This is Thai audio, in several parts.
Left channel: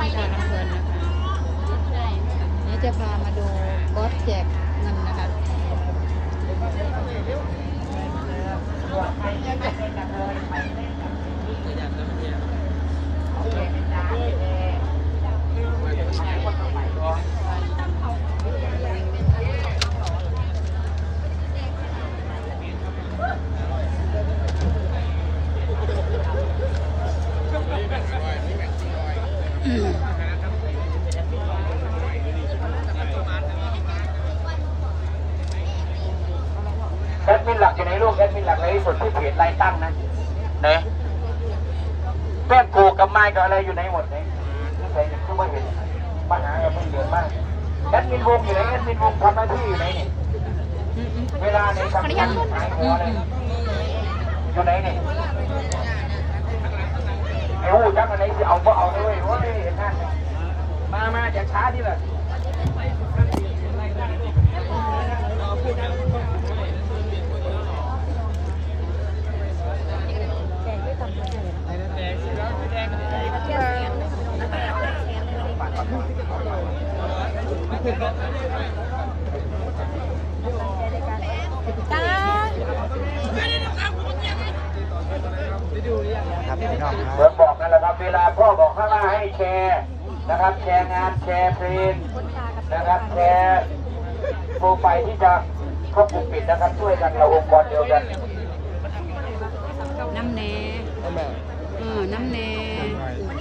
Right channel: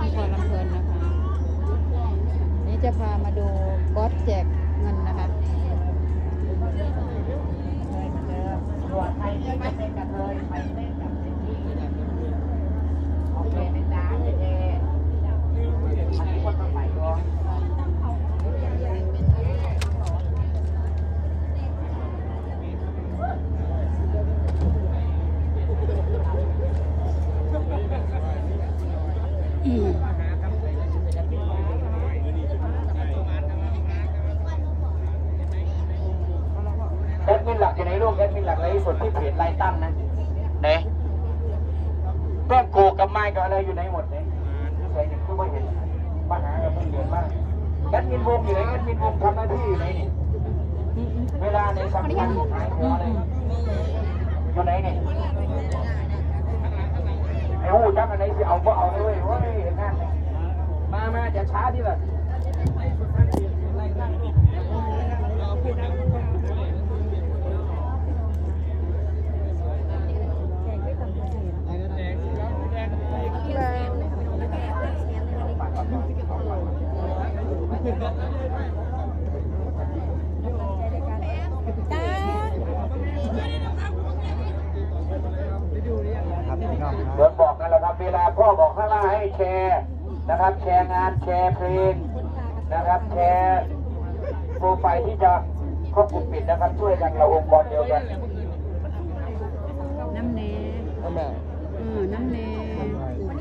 ช่องพอลำเพลินนะคะ นี้จะพามาดูบอสแจกเงินนะคะ แอดมินหลักอยู่ในลูกแอดมินหลักในที่สุดที่เพจไลน์ตั้งนะไหนแป้งโกกับไม้กับอะไรอยู่ในหมดไหนนี่ใส่เนี่ยคือว่าเห็นปัญหากับไม่เดือดมากแอดมินวงอยู่ไหนแอดมินวงทำหน้าที่อยู่ไหนนี่เวลาในทำงานหายหัวเลยอยู่ไหนนี่ ไอ้หูจักอันไหนที่เอาก็เอาเลยโอ้ยเห็นหน้ามามาอย่าช้าดิล่ะ เหมือนบอกนั่นแหละครับ เวลาพ่อบอกข้างหน้าให้แชร์นะครับ แชร์งานแชร์เพลงนะครับแชร์โปรไฟล์ที่จะเข้ากลุ่มปิดนะครับช่วยกันเราองค์กรเดียวกันน้ำเนเออน้ำเน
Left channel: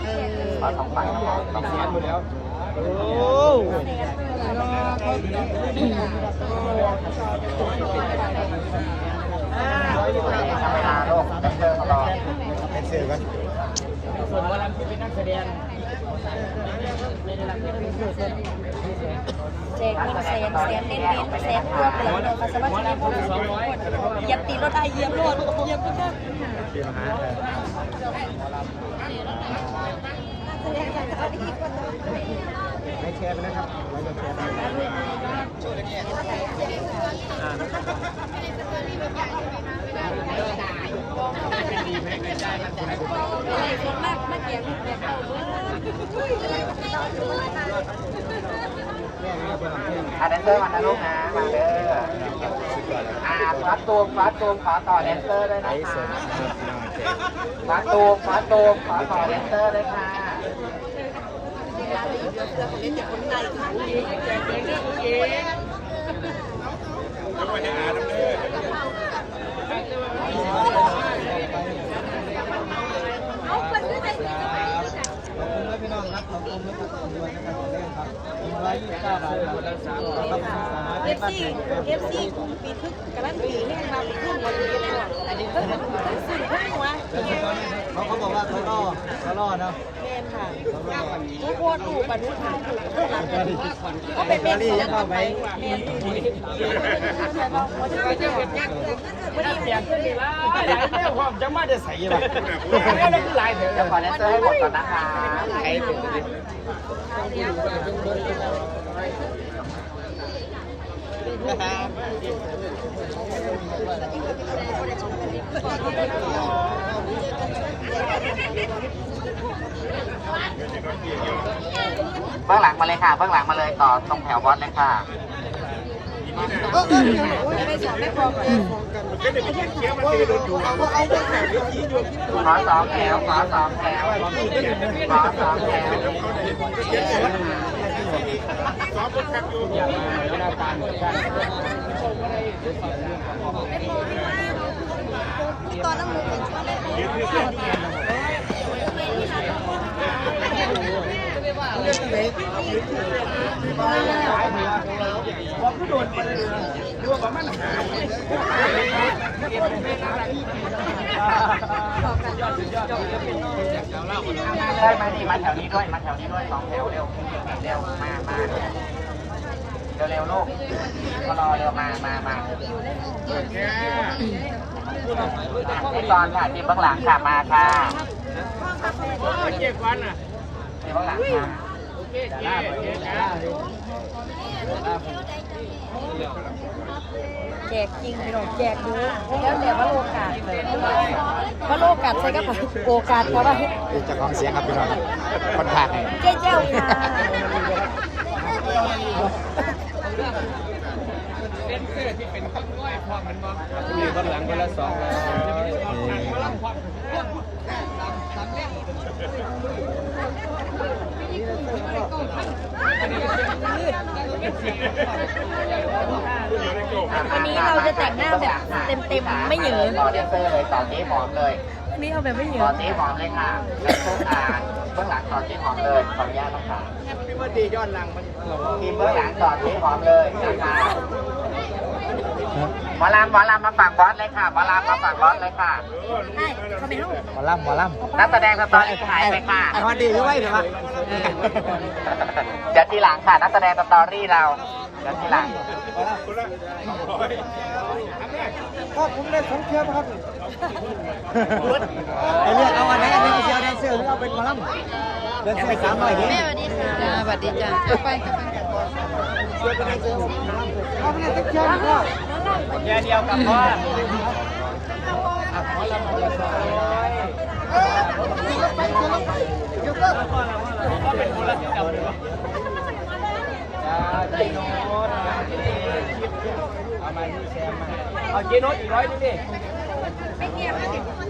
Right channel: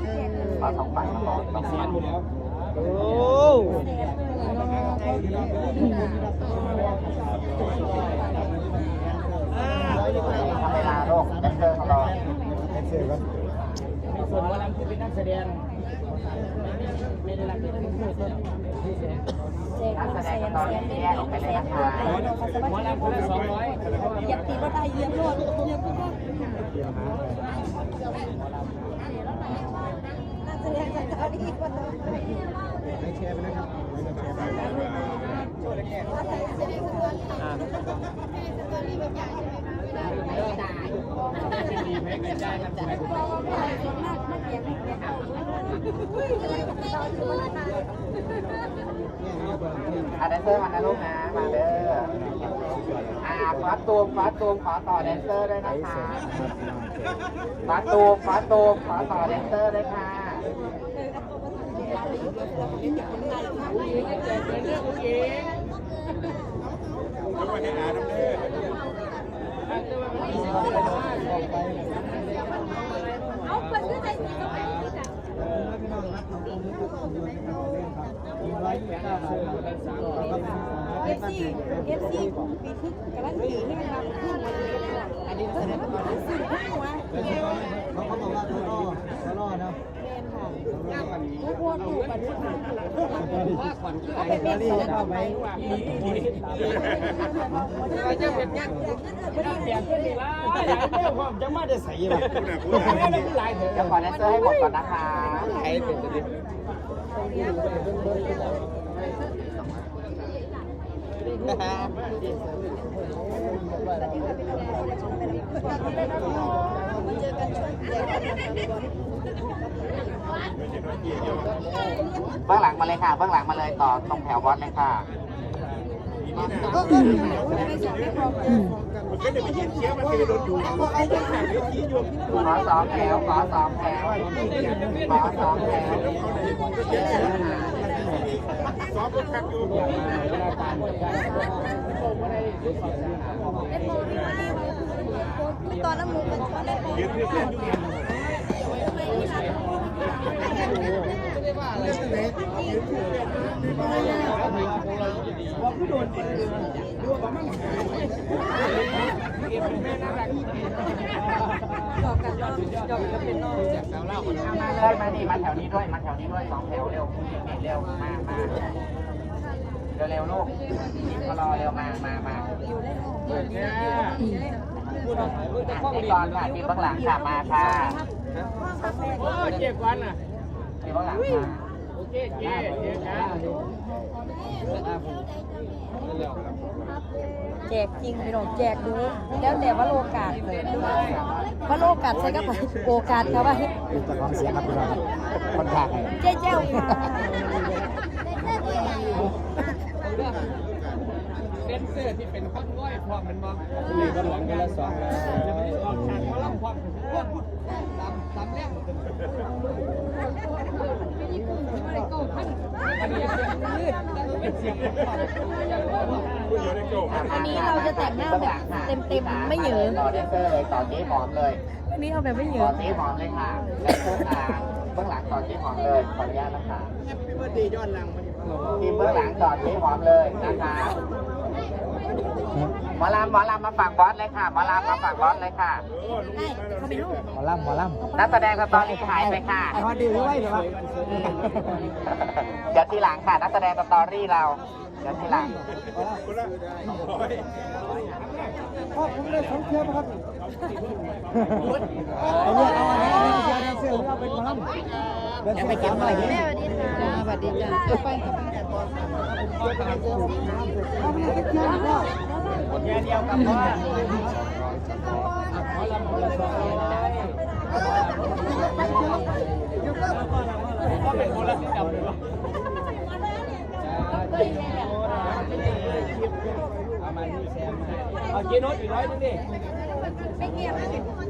เออเอาสองฝั่งนะครับสองฝั่งหมดแล้วเวลาโลกเจอรอ ส่วนวลัมที่เป็นนักแสดงแจกเงินแสนแสนเน้นเน้นแสนรวมเลยมาสวันสดีเหยียบตีรถได้เยี่ยบรถเยียบก็ได้แสดงจากตอนนี้ก็ต้องให้แชร์นะครับเราจะแชร์ไป มากมากเกียร อะ แดนเซอร์มานะลูกนะ มาเด้ออ่าฟาตูมฟาตูมขอต่อแดนเซอร์ด้วยนะคะฟาตูมฟาตูมขอต่อแดนเซอร์ด้วยค่ะเซีเอฟซีปีทึกกันนั้นปีนี่เราขึ้นมาเลยนะอันนี้ก็สื่อขึ้นมาเขาเขาบอกว่าเขาล่อเขาล่อเนาะเรียนค่ะทุกคนถูกบรรลุทางถูกก็เป็นเป็นสองไปเรียนถูกเปลี่ยนเป็นหลายหลายเรื่องความจะมาจะใส่ละแล้วคือหลายเถอะจะขอแนเซอร์ให้หมดก่อนนะคะใครเป็นตัวนี้ เบื้องหลังมาเลยค่ะ เบื้องหลังมาเลยต่อตรงแถวบอสเลยค่ะขอสองแถวขอสองแถวขอสองแถว ตอนน้ำมูกมันชอบว่าคือโดนมาเลยหรือว่าประมาณหา ใช่ไหมนี่มาแถวนี้ด้วยมาแถวนี้ด้วยสองแถวเร็วเร็วมามาเร็วเร็วลูกก็รอเร็วมามามาที่ตอนค่ะทีมเบื้องหลังค่ะมาค่ะทีมเบื้องหลังค่ะ แจกจริงพี่น้องแจกดูแล้วแต่ว่าโอกาสว่าโอกาสใส่กระเป๋าโอกาสเขาว่าจะของเสียงครับพี่น้องคนผ่านเจ้าเจ้าค่ะมีคนหลังคนละสองร้อย วันนี้เราจะแต่งหน้าแบบเต็มๆไม่เหยือต่อเดนเซอร์เลยต่อเจ๊หอมเลยวันนี้เอาแบบไม่เหยืต่ออเจ๊หอมเลยค่ะแล้วพวกอ่าเบื้องหลังต่อเจ๊หอมเลยขออนุญาตนะคะพี่ว่าดีย้อนหลังมันทีมเบื้องหลังต่อเจ๊หอมเลยนะคะ หมอลำหมอลำมาฝั่งบอสเลยค่ะหมอลำมาฝั่งบอสเลยค่ะใช่เขาไม่เอาหมอลำหมอลำนักแสดงสตอรี่ถ่ายไปค่ะไอ้คนดีด้วยเหรอครับเดี๋ยวทีหลังค่ะนักแสดงสตอรี่เราเดี๋ยวทีหลังครับผมเล่นสองเชือกครับไอ้เรื่องเอาอันไหนอันนี้เชียร์แดนเซอร์เอาเป็นหมอลำเดินเส้นสามร้อยแม่สวัสดีค่ะจ้าสวัสดีจ้าเข้าไปเข้าไป เอาไปเล่นสักเชือกก็แค่เดียวกับพ่อหมอลำมาเดียวสองร้อยจ้าเจโน้ตเอามาที่แซมมาเอาเจโน้ตอีกร้อยนึงดิ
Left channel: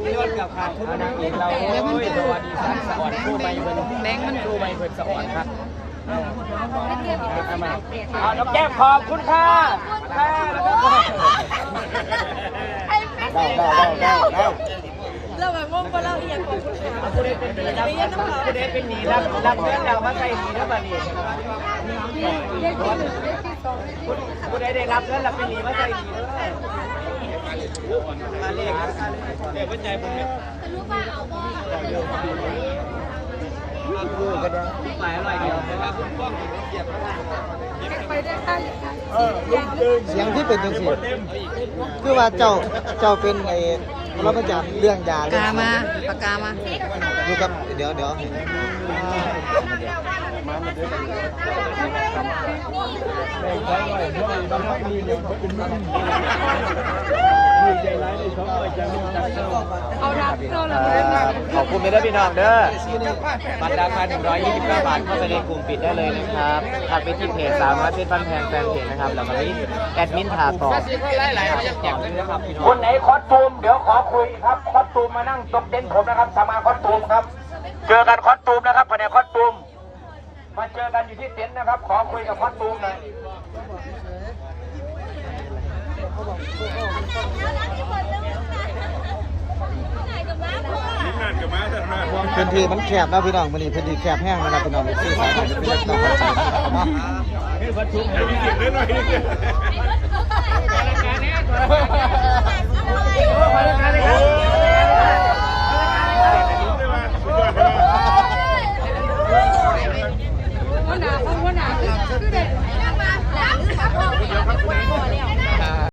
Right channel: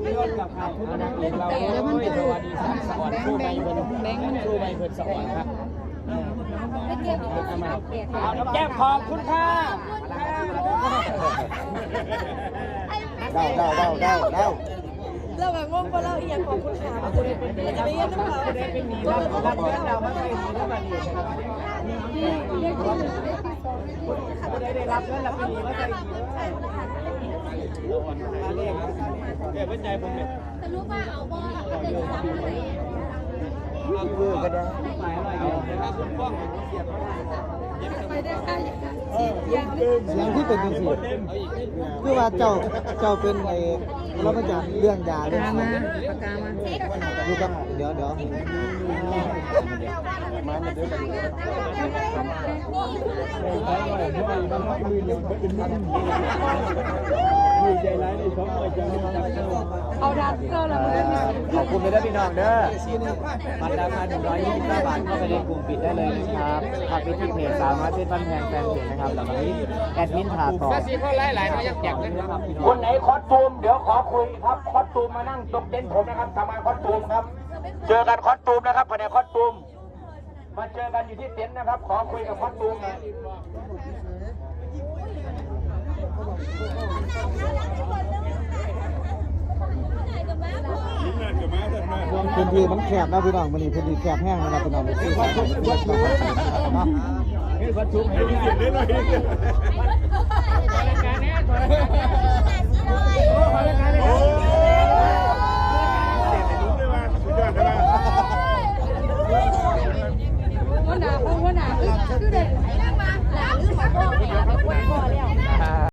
เจโน้ตกับขาดเอานางเอกเราโอ้ยสวัสดีครับสวัสดีสู้ไปเพิ่นแบงค์มันสู้ไปเพิ่นสวัสดีครับ เอาน้องแก้มขอบคุณค่ะค่ะแล้วก็เดาเดาเดาเดาเดาเราแบบว่าพอเราเอียงของคุณคุณเรียนต้องขอคุณเดชเป็นหนีรับรับเรื่องเรามาใส่หนีด้วยมาดีคุณเดชได้รับเรื่องเราเป็นหนีมาใส่หนีด้วเรียกเรียกว่าใจผมเนี่ย ดูก็ได้หมายอะไรเดียวนะครับคุณป้องเกียรติเสียงที่เป็นจังซี่คือว่าเจ้าเจ้าเป็นไอ้เรามาจากเรื่องยาปากกามาปากกามาดูครับเดี๋ยวเดี๋ยว เอาดับเราเราขอบคุณเลยนะพี่น้องเด้อบัตรราคา129 บาทเข้าไปในกลุ่มปิดได้เลยนะครับทักไปที่เพจสามร้อยเพชรบ้านแพงแฟนเพจนะครับแล้วมาที่แอดมินถาต่อคนไหนคอสตูมเดี๋ยวขอคุยครับคอสตูมมานั่งตกเต็นท์ผมนะครับสมาคอสตูมครับ เจอกันคอสตูมนะครับภายในคอสตูม มาเจอกันอยู่ที่เต็นท์นะครับ ขอคุยกับคอสตูมหน่อยพื้นที่มันแคบนะพี่น้องมันนี่พื้นที่แคบแห้งนะพี่น้องที่สามารถเป็นเรื่องต่อไปข